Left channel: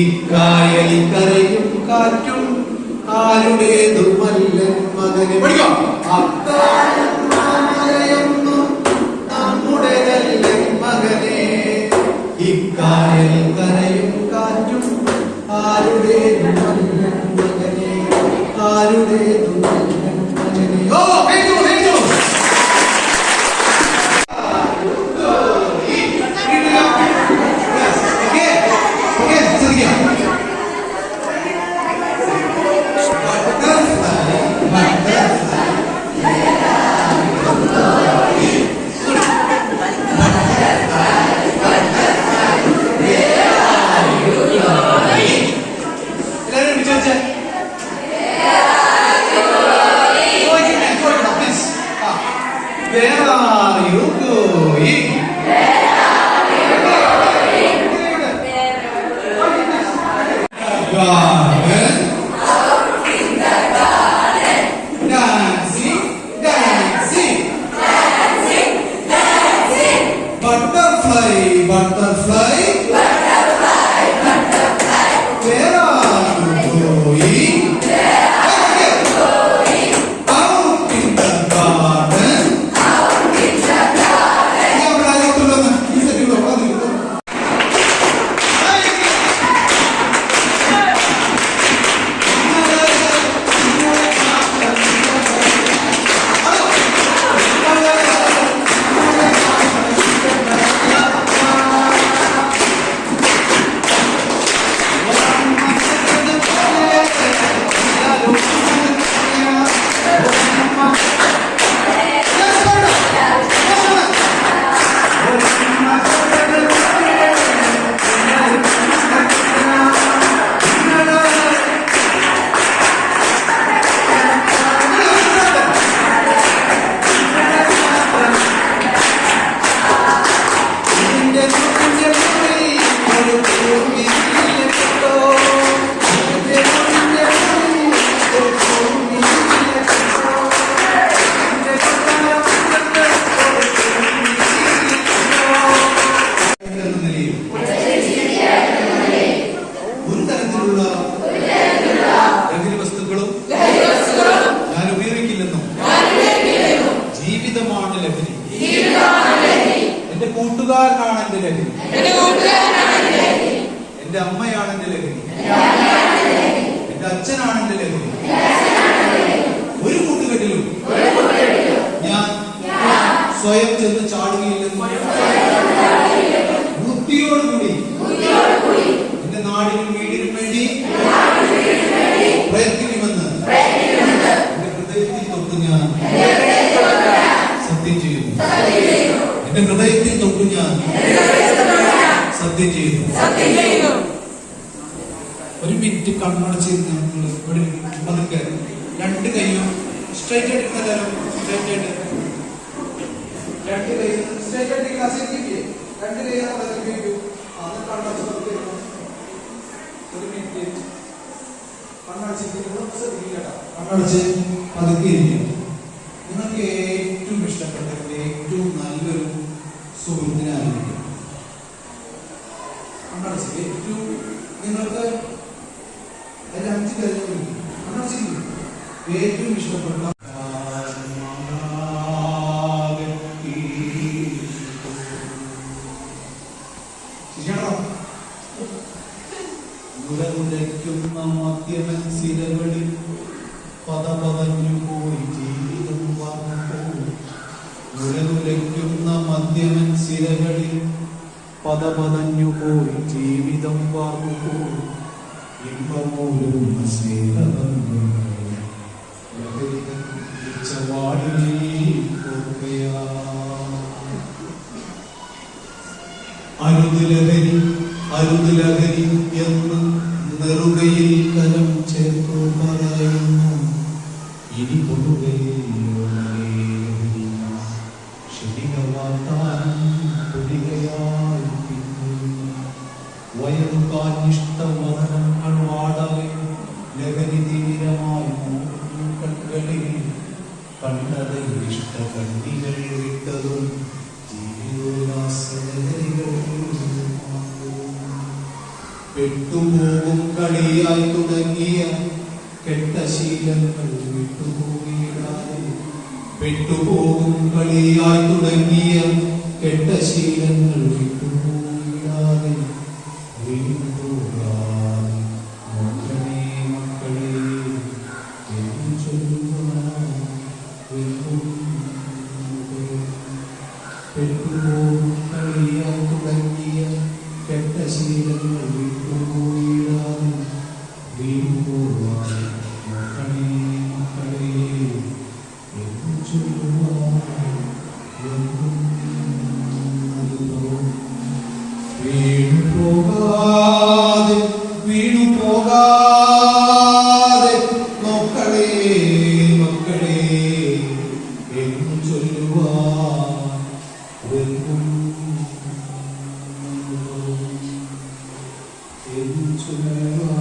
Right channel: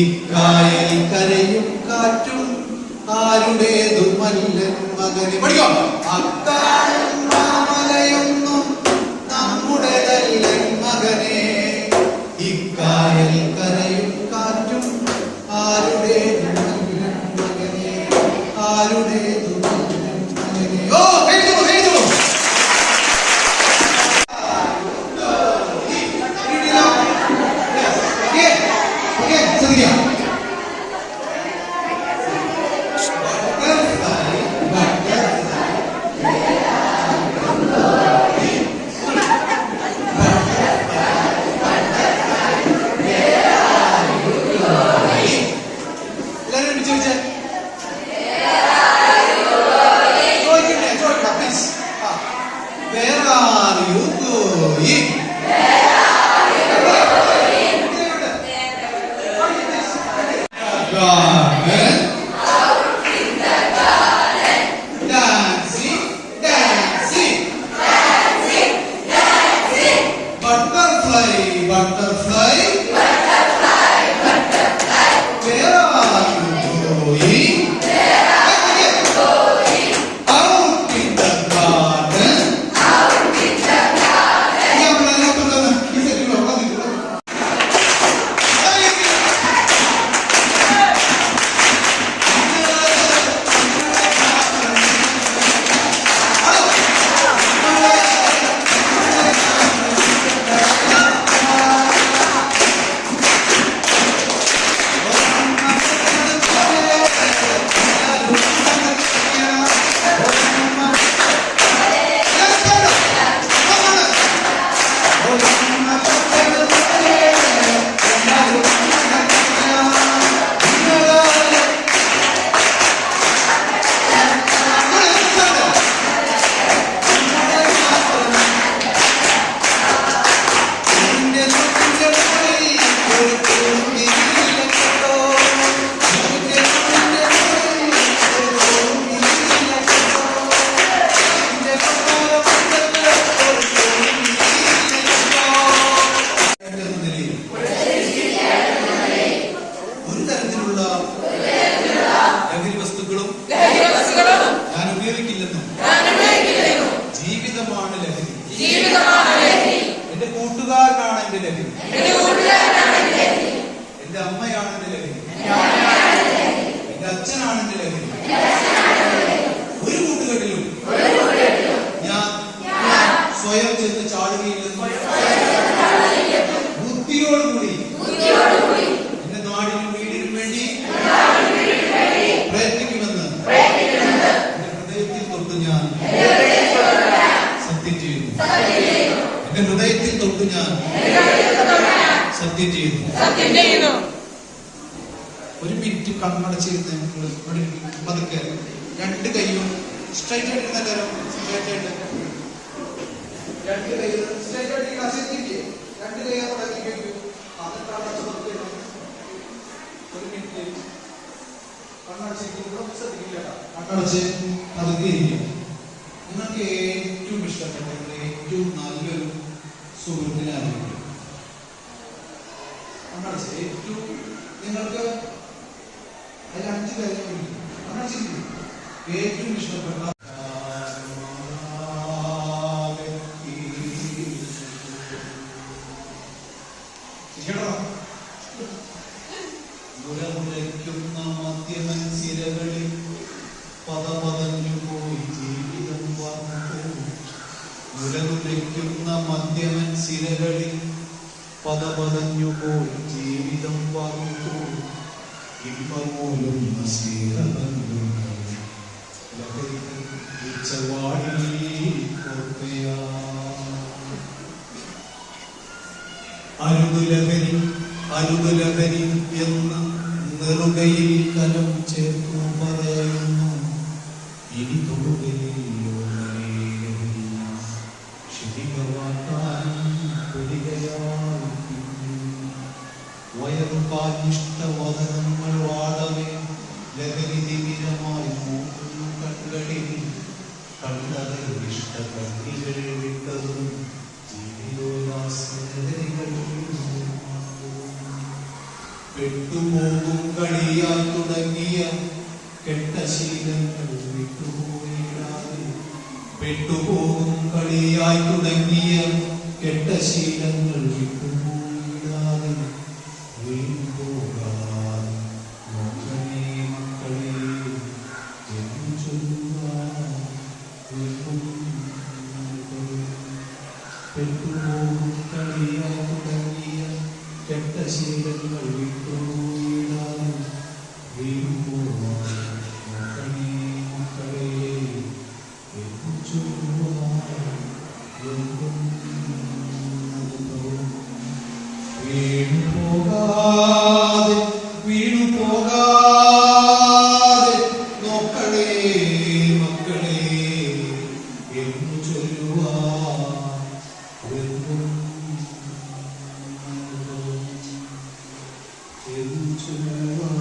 ഇക്കായൽ കരയും കാറ്റും ആരുടേതുമല്ലൻ മകനെ അക്കാലം മാമലയൊന്നും നമ്മുടേതല്ലൻ മകനെ ഇക്കായൽ കരയും കാറ്റും ആരുടേതുമല്ലൻ മകനെ ആരുടേതുമല്ലൻ മകനെ ഓ കഴിഞ്ഞു കഴിഞ്ഞു Where are you going? Garden. Out in the garden. Dancing, dancing. Dancing, dancing. Butterfly, butterfly. Butterfly, butterfly. Where are you going? Where are you going? Out in the garden. എന്റെ കൂട്ടുകാരനാണ് എന്റെ ലഹരി എന്റെ അമ്മയാണ് എന്റെ ലഹരി എന്റെ അച്ഛനാണ് എന്റെ ലഹരി ഒരു കൂട്ടുകെട്ടിലും ഞാൻ സ്വയം ചെന്ന് ചാടുകയില്ലെന്ന് ബുദ്ധിയോടുകൂടി എന്റെ നാടിനും വീടിനും വേണ്ടി പ്രയത്നിക്കുമെന്ന് എന്റെ ഹൃദയത്തിൽ തൊട്ട് ഞാൻ സത്യം ചെയ്യുന്നു എന്റെ ഹൃദയത്തിൽ തൊട്ട് ഞാൻ സത്യം ചെയ്യുന്നു ഒരു മിനിറ്റ് കണ്ണടച്ചിരുന്ന് പതുക്കെ രണ്ട് കൈയും സ്ട്രൈറ്റ് ആയിട്ട് സ്ട്രൈറ്റ് ആയിട്ട് രണ്ട് കൈയും സ്ട്രൈറ്റ് ആയിട്ട് രണ്ട് കൈ ഒരു മിനിറ്റ് കണ്ണടച്ച് പതുക്കെ ഇരിക്കും. നിങ്ങൾക്ക് ഏറ്റവും ഇഷ്ടപ്പെട്ടത് ഏറ്റവും നല്ലൊരു സുഹൃത്തിനായിരിക്കും. ഏറ്റവും നിങ്ങൾക്ക് അതിൽ 5 കാര്യങ്ങൾ ഏറ്റവും ഇഷ്ടപ്പെട്ട ഉരകുലയ്ക്കുന്ന മദ്യമൻ സിരകളിൽ പദപതഞ്ഞു പോയി ജീവിതം പറഞ്ഞു. ഉരകുലയ്ക്കുന്ന മദ്യമൻ സിരകളിൽ പദപതഞ്ഞു പോയി ജീവിതം പറഞ്ഞു. ഇമ്പമൂലുന്ന സ്നേഹബന്ധങ്ങൾ ലഹരിതൻ ഈച്ചവാടിൽ കൊക്കയാ. അരുതുലഹരി അരുതുലഹരി എന്ന് നെറുകയിൽ കരം ചേർത്തു പറയുന്നു. ഇനി തൊടുകയില്ലോ ശരികവാത്താനും പൊടികയാൽ വയറുപാലിഷ്ടവദനങ്ങൾ വാടവേ ലഹരി തീരമായി കണ്ണുകളിൽ കണ്ടറിൽ ഇഷ്ട കണ്ണികൾ വിട്ടതും ജീവിയോല്ലാസ ലഹരികൾ പെട്ടുപോകും കളിയായി തുടങ്ങിയ കെട്ട ശീലങ്ങൾ വിട്ടുപോയിടാതെ, പെട്ടുപോകും കളിയായി തുടങ്ങിയ കെട്ട ശീലങ്ങൾ വിട്ടുപോയിടാതെ, വീണുപോകാതെ മക്കളെ മക്കളെ എന്ന് ചൊല്ലുവാൻ പെട്ടുപോകും കളിയായി തുടങ്ങിയ കെട്ട ശീലങ്ങൾ വിട്ടുപോയിടാതെ, വീണുപോകാതെ മക്കളെ മക്കളെ എന്ന് ചൊല്ലുവാൻ വീണുപോകാതെ വീണുപോകാതെ മക്കളെ മക്കളെ എന്ന് ചൊല്ലുവാൻ എന്ന് ചൊല്ലുവാൻ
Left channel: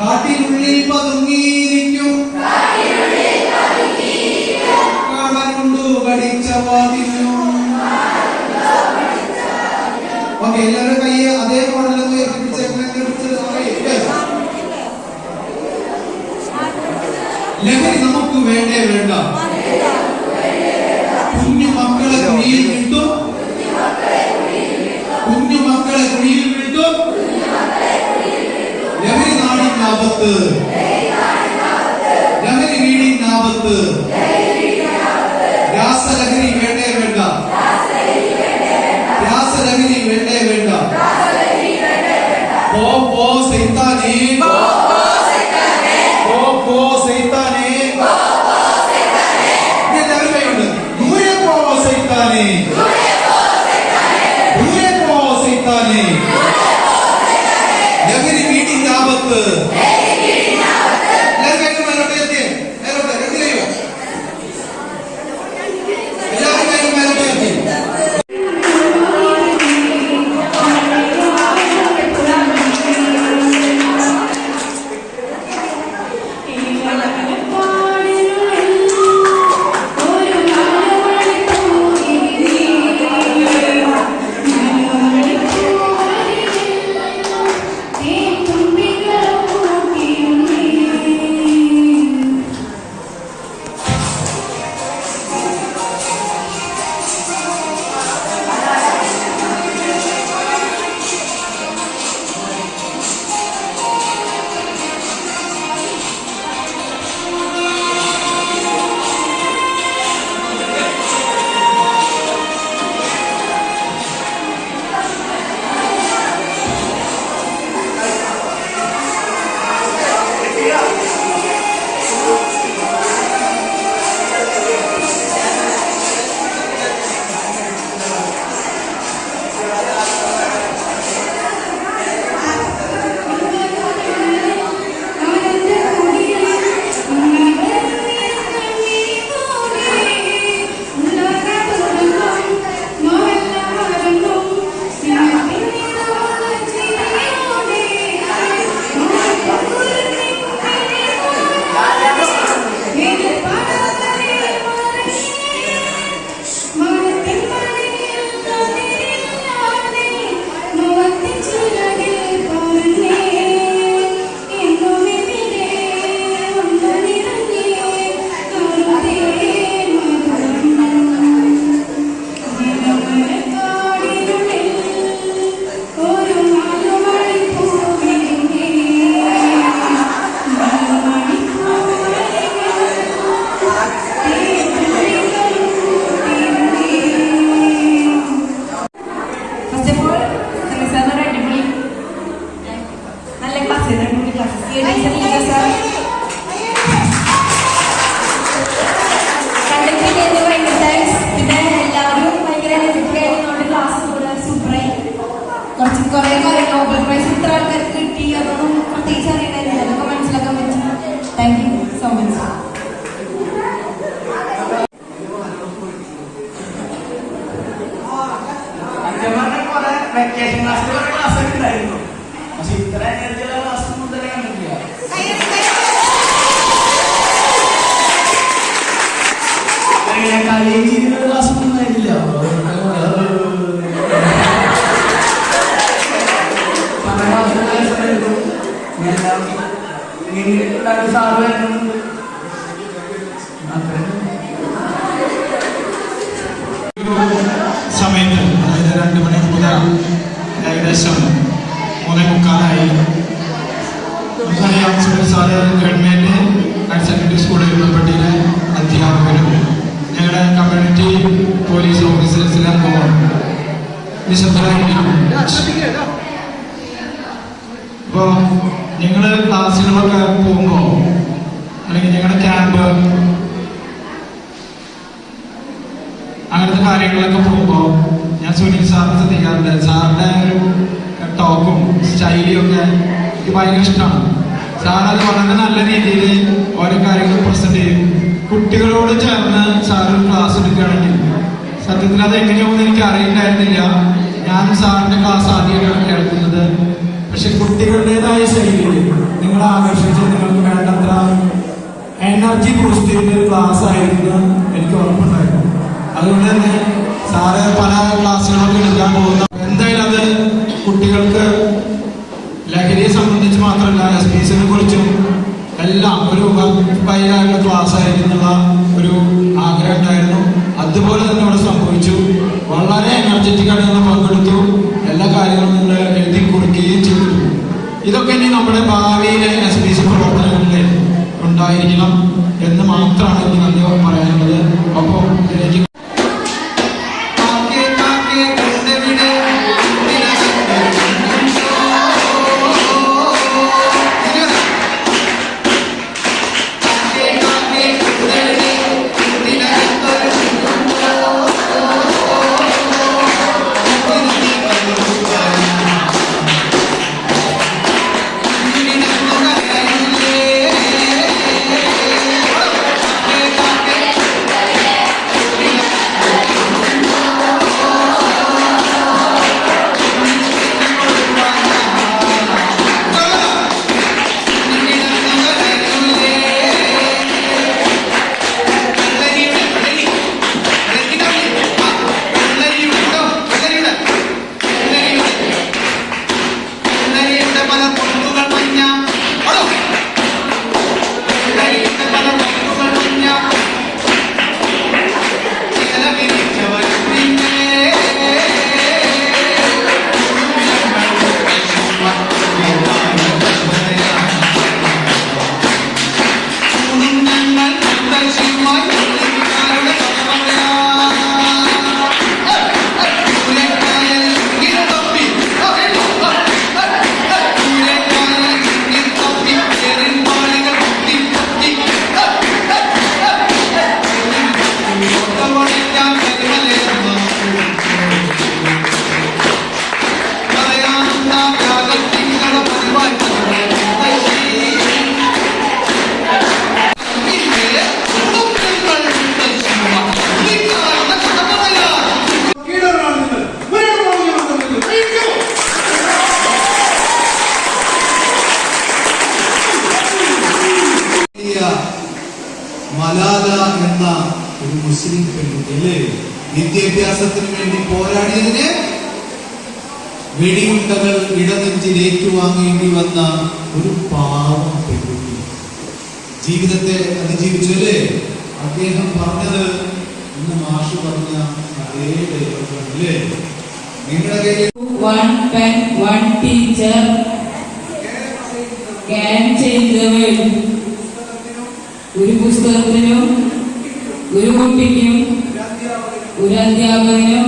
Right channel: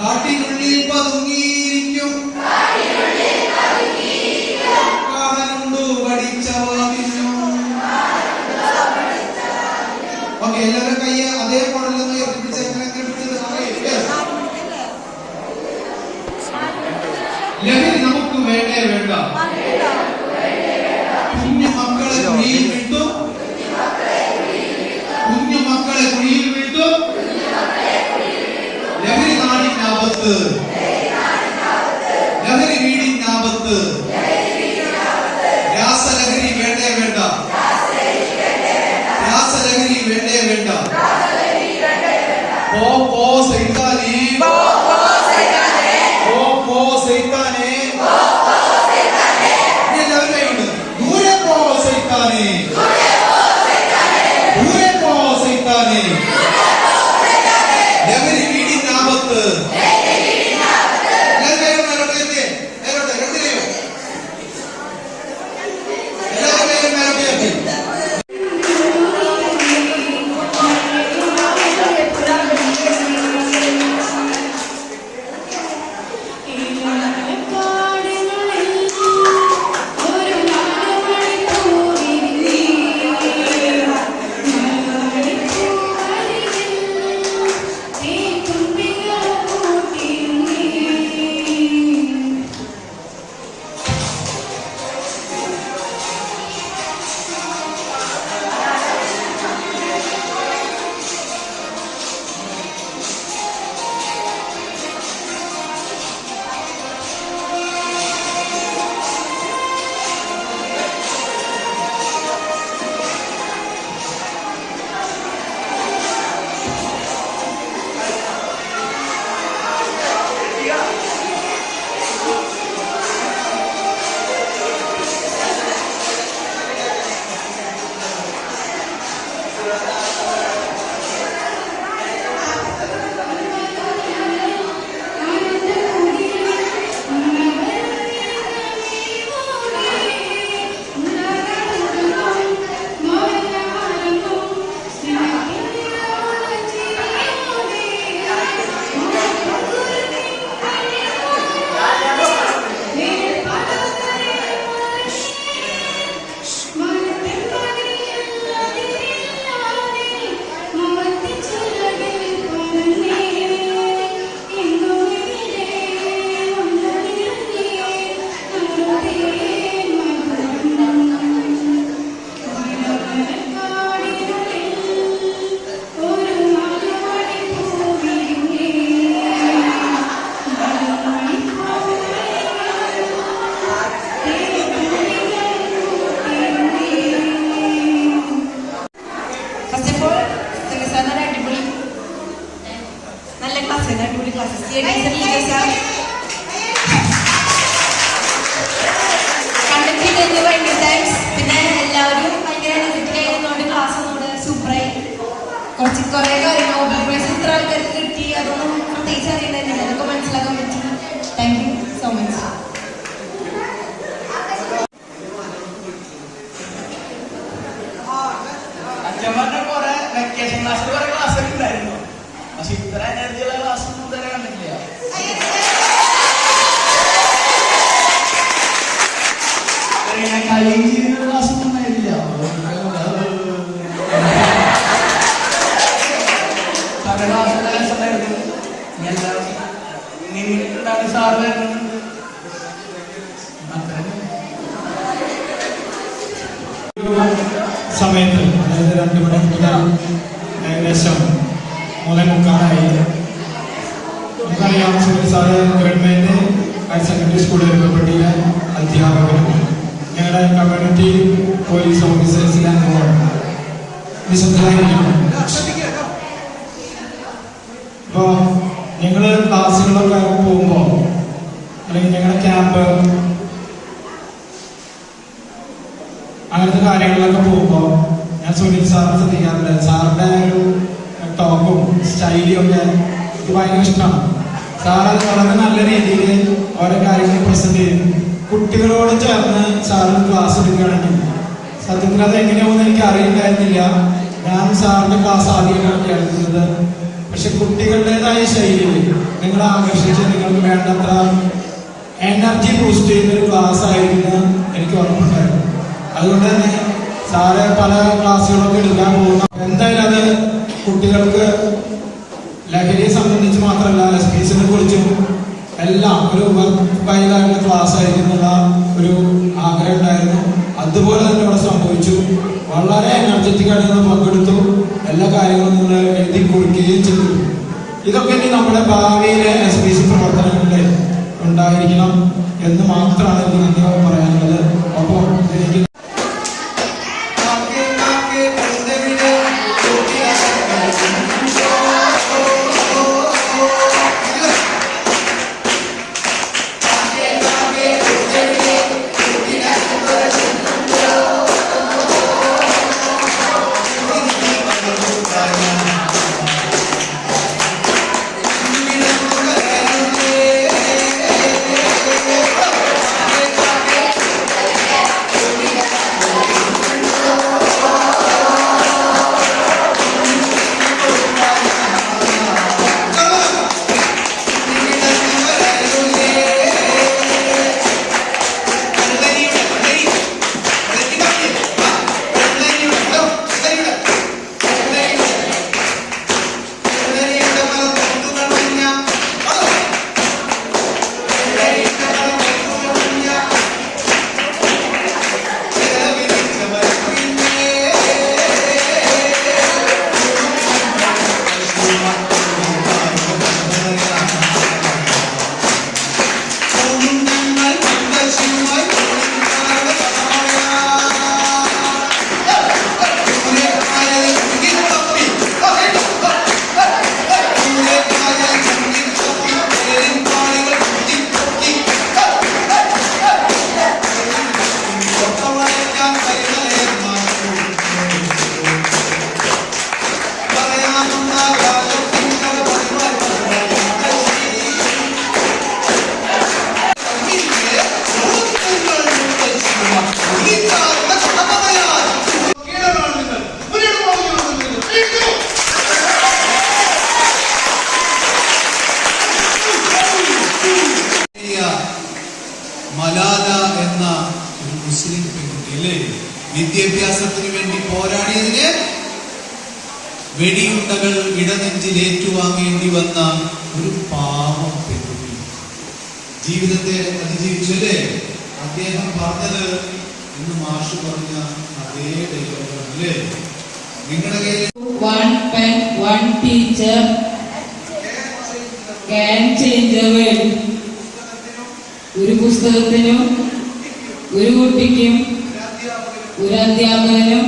കാട്ടിനുള്ളിൽ പതുങ്ങിയിരിക്കും, കാണാനുണ്ടു പഠിച്ച വാതിലും. ഓക്കെ, എല്ലാവരും കൈ അതേ മോഡലൊന്ന് ഉയർത്തിപ്പിടിച്ച് ലഹരി നമുക്ക് വേണ്ടേ വേണ്ട. കുഞ്ഞു മക്കളെ കുഴിയിൽ വീഴ്ത്തും, കുഞ്ഞു മക്കളെ കുഴിയിൽ വീഴ്ത്തും. ലഹരി നാടിനാപത്ത്, ലഹരി വീടിനാപത്ത്. രാസലഹരി വേണ്ടേ വേണ്ട, രാസലഹരി വേണ്ടേ വേണ്ട. പോ പോ സൈത്താനേ, പോ പോ സൈത്താനേ. എല്ലാവരുണ്ട്. ദൂരെ പോ സൈത്താനേ, ദൂരെ പോ സൈത്താനേ. ലഹരി വീടിനാപത്ത്, സമയത്ത് അതായത് 2 മണി മുതൽ ഏകദേശം 3:45 നമുക്കറിയാം sir government higher secondary school എരുമപ്പെട്ടിയിലെ അധ്യാപകരും ഞങ്ങളുടെ കമ്മ്യൂണിറ്റി പോലീസ് ഓഫീസേഴ്സിലെ അംഗവും വിശുദ്ധരായിരിക്കും. അപ്പോൾ ഞങ്ങൾ ക്ലാസ്സുകളൊക്കെ പോകുമ്പോൾ അല്ലെങ്കിൽ ഞങ്ങളുടെ ക്യാമ്പ് അങ്ങനത്തെ കാര്യങ്ങളിലൊക്കെ പോകുമ്പോൾ ഞാൻ സുനിൽ സാറിനെ ശ്രദ്ധിക്കാറുണ്ട്. സാറിന്റെ ഒരു ടോക്കും സ്റ്റൈലും ഒക്കെ എനിക്ക് ഭയങ്കര ഇഷ്ടമാണ്. സാർ അത് വളരെ നല്ല രീതിയിൽ ഓരോ കാര്യങ്ങൾ പ്രസന്റ് ചെയ്യും. കുട്ടികളോട് ചേർന്ന് സാറിന് ക്ലാസ് എടുക്കുകയാണെങ്കിൽ സത്യത്തിൽ അത് എങ്ങനെയാണെന്ന് എനിക്ക് അറിയണ്ടായിരുന്നില്ല. ഞാൻ സാറിന്റെ ക്ലാസ് ആദ്യമായിട്ടാണ് കേൾക്കുന്നത്. പക്ഷെ കുട്ടികളുടേതായ ശൈലിയിൽ നിങ്ങളെ ആകർഷിച്ച് നിങ്ങൾക്ക് വേണ്ടത്ര എനർജി ബൂസ്റ്റ് ചെയ്ത ക്ലാസ് ആയിരുന്നു എനിക്ക് ഉറപ്പുണ്ടായിരുന്നു. അതുകൊണ്ട് തന്നെ സാറ് പല ക്ലാസ്സുകളൊക്കെ എടുക്കാൻ പോകുന്ന എന്തായാലും അത് കുട്ടികൾക്ക് ലഹരിയെ സംബന്ധിച്ച് മാത്രമല്ല എസ്പീസിനെ കുറിച്ചും എല്ലാം ഒരു വൈകാരിക ക്ലാസ് ആയിരുന്നുള്ള ഒരു ആഗ്രഹം ഉണ്ടായിരുന്നു. അതുപോലെ തന്നെ അവിടെ സംഭവിച്ചു. വളരെ എനർജറ്റിക് ആയിട്ട് നിന്ന് പങ്കെടുത്തു. എല്ലാ കാര്യങ്ങളും നിങ്ങൾ എഴുതി കുറിക്കുകയും ചെയ്തു. ഇതൊക്കെ ഇനി നമ്മുടെ ഭാവിയിലെ എസ്പീസ് പ്രവർത്തനങ്ങളിൽ ഉണ്ടായിരിക്കണം എന്ന് മാത്രമാണ് എനിക്ക് നന്ദി പറയാനുള്ളത്. അപ്പോൾ എനിക്ക് മലാല എന്ന ഒരു മുസ്ലിം പെൺകുട്ടി അല്ലേ വിദ്യാഭ്യാസത്തിന് വേണ്ടി പോരാടിയതിന് വെടിയുണ്ടകൾ ഇടനെഞ്ചിൽ ഏറ്റുവാങ്ങേണ്ടി വന്ന ഒരു പാവം പെൺകുട്ടി ജീവിതത്തെ അതിജീവിച്ചു അല്ലേ. അദ്ദേഹം പറഞ്ഞത് ഇന്ന് മാഷ് പറഞ്ഞ അതേ ഡയലോഗാണ് അല്ലേ. നിങ്ങളുടെ കയ്യിൽ one pen, one teacher can change the world. ഒരു പുസ്തകത്തിനും ഒരു കുട്ടിക്കും ഒരു അധ്യാപകനും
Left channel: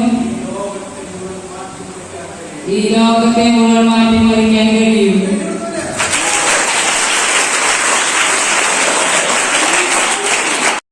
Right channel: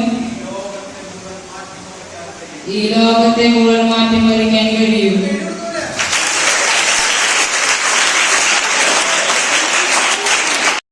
ഈ ലോകത്തെ മുഴുവൻ മാറ്റിമറിക്കാൻ കഴിയും.